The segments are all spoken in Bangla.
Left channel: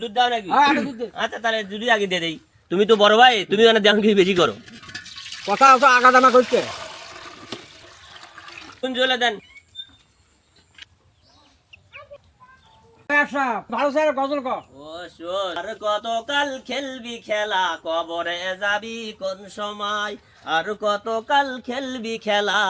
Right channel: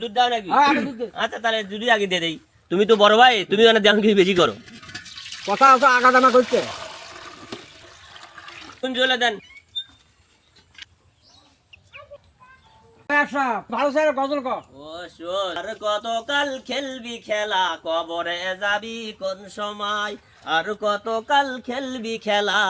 দুধ দাও নাকি? আচ্ছা তাহলে দুধই আগে দিয়ে দেই। তুমি তো বড় ভাই, তুমি মানে দাম কিছু বেশি করো। কথা তো আগা দামা করছে। কোন জলে দেন? ভালো স্যার গজল কর। ও শোন, আর কতকাল খেলবি খেলা, কবরে যাবি কোন সময়? আর কতকাল খেলবি খেলা,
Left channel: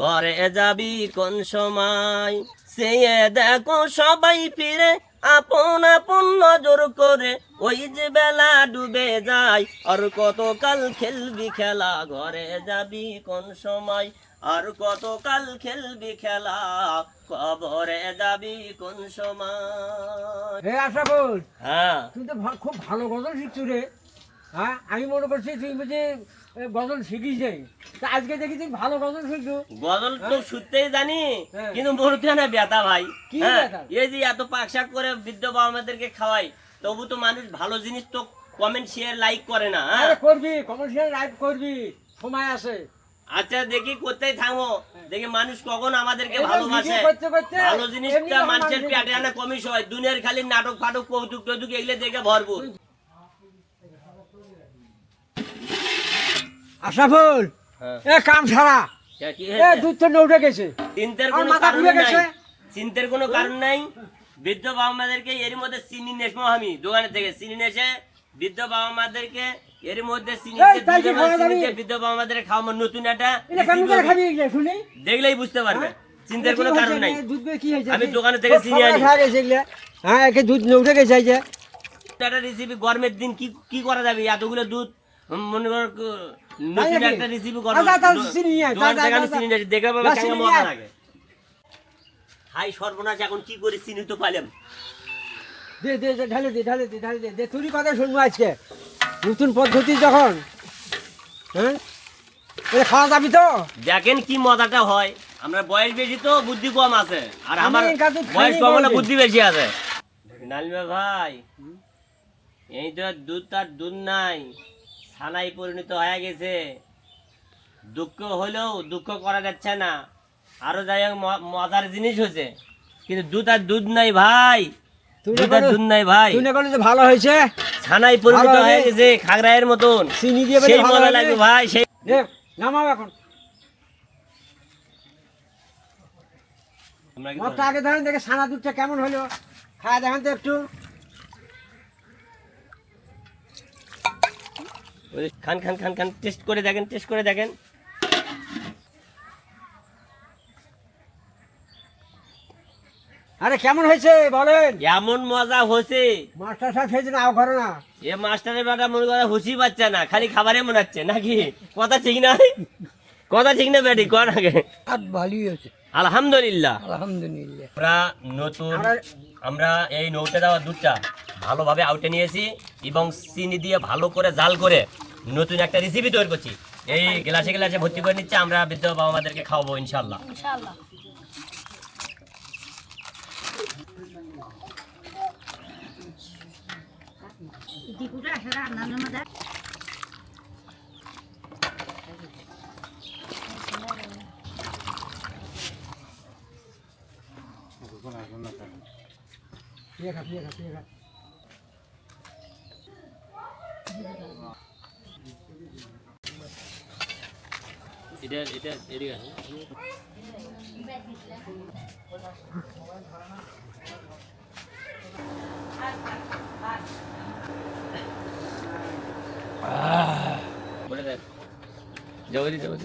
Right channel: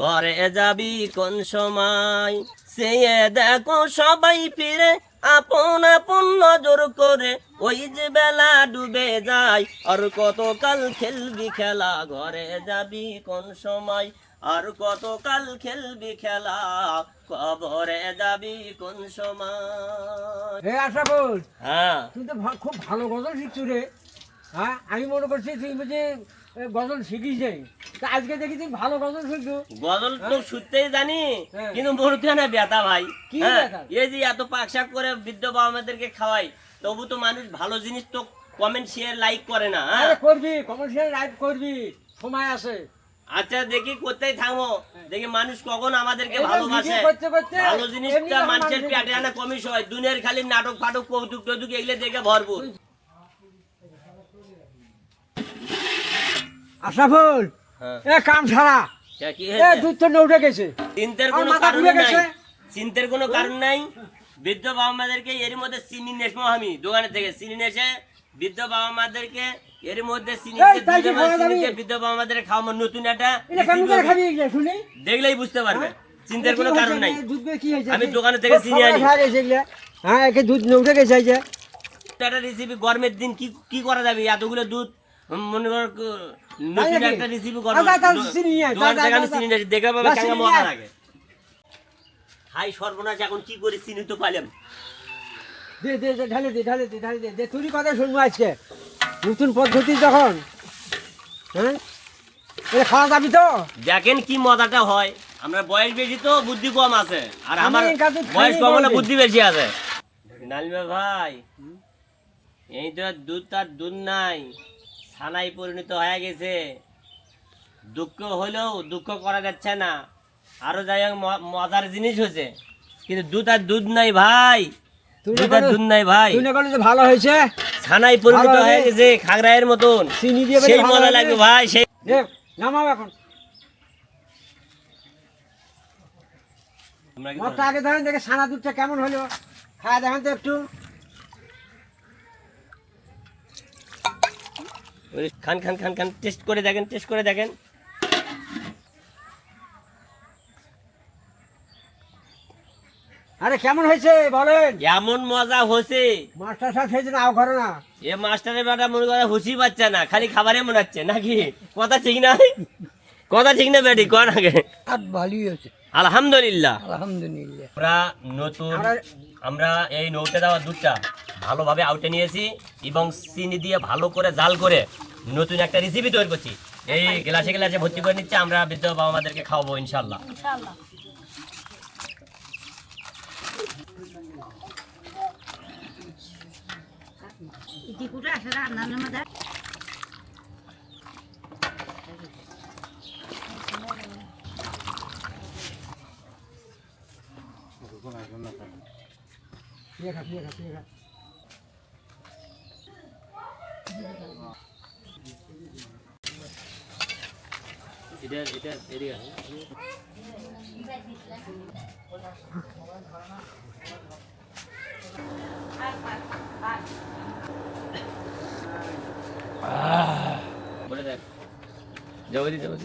ঘরে যাবি কোন সময়? সে দেখো সবাই ফিরে আপন আপন নজর করে, ওই যে বেলা ডুবে যায়। আর কতকাল খেলবি খেলা, ঘরে যাবি কোন সময়? আর কতকাল খেলবি খেলা, কবরে যাবি কোন সময়? হে আশরাফুল, হ্যাঁ, তুই তো খুব ভালো গজল শিখছো রে। হ্যাঁ, আমি মনে করছি তুই বুঝি গজল শিখিস যাই। তা আজকে দেখি তুই ভালো গজল শিখছো। গজল তো শুনতেই জানি, হ্যাঁ। কিন্তু মরতে না ব্যথা ভাই। কি হ্যাঁ, ব্যথা? এই যে এত পাকশাক করে বৃদ্ধ বাবা মাদেরকে খাওয়াই, তবু তো মানুষ ভালো জিনিস তো কমেন্ট শেয়ার লাইক করে না। হ্যাঁ, আরে করবি, কমার্শিয়াল রাইট করবি, সময় আছে। আচ্ছা দেখি কোথায় থামো, দেখি মানুষ কখন আমাদেরকে এবার ভালোবাসে। ভিডিও করতে করতে ভালো এমনি জিনিসটা যখন মানুষের মানুষ পেটে আনা কমিস হয়, দুনিয়ার খালি নাটক ফাটক কৌতুক টৌতুক এগুলো দেখে ভরপুর। আশরাফুল, হ্যাঁ। এ কাম ছাড়া, কি এ হয়েছে? দুধ তো নৌটে গেছে, চিন্তার আমার কোনো মাথা কারণ ঘুরে নাই, গেছে। চিন্তার কোনো কারণ নাই। বৃদ্ধ বাবা মাদেরকে এর মধ্যে চিনি নেসমো, আমি দোকানে থেকে চিনি নেসে বৃদ্ধ বাবা মাদেরকে এর মধ্যে চিনি এই তাই কি খাওয়া যাবে? বৃদ্ধ বাবা মাদের খাওয়ানো নতুন একটা এটা কেমন করে খাবি এগুলো শুনি? দেখলেই বুঝতে পারবে। চিন্তার কোনো কি কারণ হয়েছে? নাই। দুধ দিয়ে কি হয়েছে? আমি দোকানে থেকে সব চিনি খাবার আনি। খাওয়া গেছে এগুলো। হ্যাঁ, একে দুধ নৌটে গেছে এই যে। একটা রেসিপি গরমের দিন কি কি করা যাবে? এতগুলো দুধ মনে কর তাই নতুন নাকি? একটা রেসিপি করো। আচ্ছা, তাহলে চিনি নিয়ে আয়, দোকান যা, থেকে যা, আমি যা, চিনি নিয়ে আসি, দেখে পাবে যা, কেমন চিনি নিয়ে মজা আয়। লাগে। হাই সর্বনাশ, এখন কি করে চিনি তো পাইলাম। দে দে দে, ঢালে দে, ঢালে দে, ঢালে দে, দে তুই কথা শুনবো আজকে নতুন পদ্ধতি যখন। হ্যাঁ, এটা খাওয়া যাবি তো? দেখেন কি মজাটা হয়। আমরা বয়স বেশি তো বুদ্ধি কম আছে, আর আমি আমার কাজে বয়স খাইনি কম হলে কোনোদিন। বুদ্ধি বেশি আছে। নালিমা ভাই, এই তো দুধ তার দুধ নাই, ছানায় পরিণত হয়ে গেছে। দুঃখ হলেও দুঃখ করা যাচ্ছে না। আরো যাই হোক মজার জিনিস হয়েছে, কিন্তু দুধ আর দুধ নাই ভাই, তুই দুধ আর দুধ নাই ভাই। তুই না করলে যে ভালো হয়েছে। ছানায় পরিণত ভালো হয়ে হবে। গেছে খাগড়ায়ের মতন। চিনি দিয়ে সেই ভালো মজা হবে। লাগবে ভাই, সেই। দে, নামাও এখন। তোমরা কি মতটা আগে ধরেন দেখে সানা দুধটা কেমন হলো, খাওয়া দেখেন তো একটু। ওই খান খান খান খান, টেস্ট করে দেখেন, টেস্ট করে দেখেন। আরে কেমন হয়েছে বলেন? এমন মজা হয়েছে, মাস্টার সাহেব খেয়েছে না, আও ঘরে না। এ মাস্টারের বেটা মনে করে হুশি পাচ্ছে না, খালি খাবারে মনে হচ্ছে নাকি? কথা ঠিক না, কথা ঠিক না বেটি, কর আগে। আর ভালোই হয়েছে, আলহামদুলিল্লাহ। আলহামদুলিল্লাহ। আমরা নতুন, আমরা এই নৌটে দেওয়া দুধটা ভালোভাবে আউটে নিয়েছি এবং চিনি দিয়ে ভালো করে জাল করে নতুন একটা রেসিপি তৈরি করছি। এই গ্লাসে গ্লাসে ভর্তি করে নিচ্ছে, আমরা বৃদ্ধ বাবা মাদেরকে খাওয়াবো ইনশাল্লাহ। ইনশাআল্লাহ। দীপুটা আসলে রান্নার মধ্যে প্রিয় খা, প্রিয় খা, প্রিয় খা। বলে দেখ, যাবো যাবো।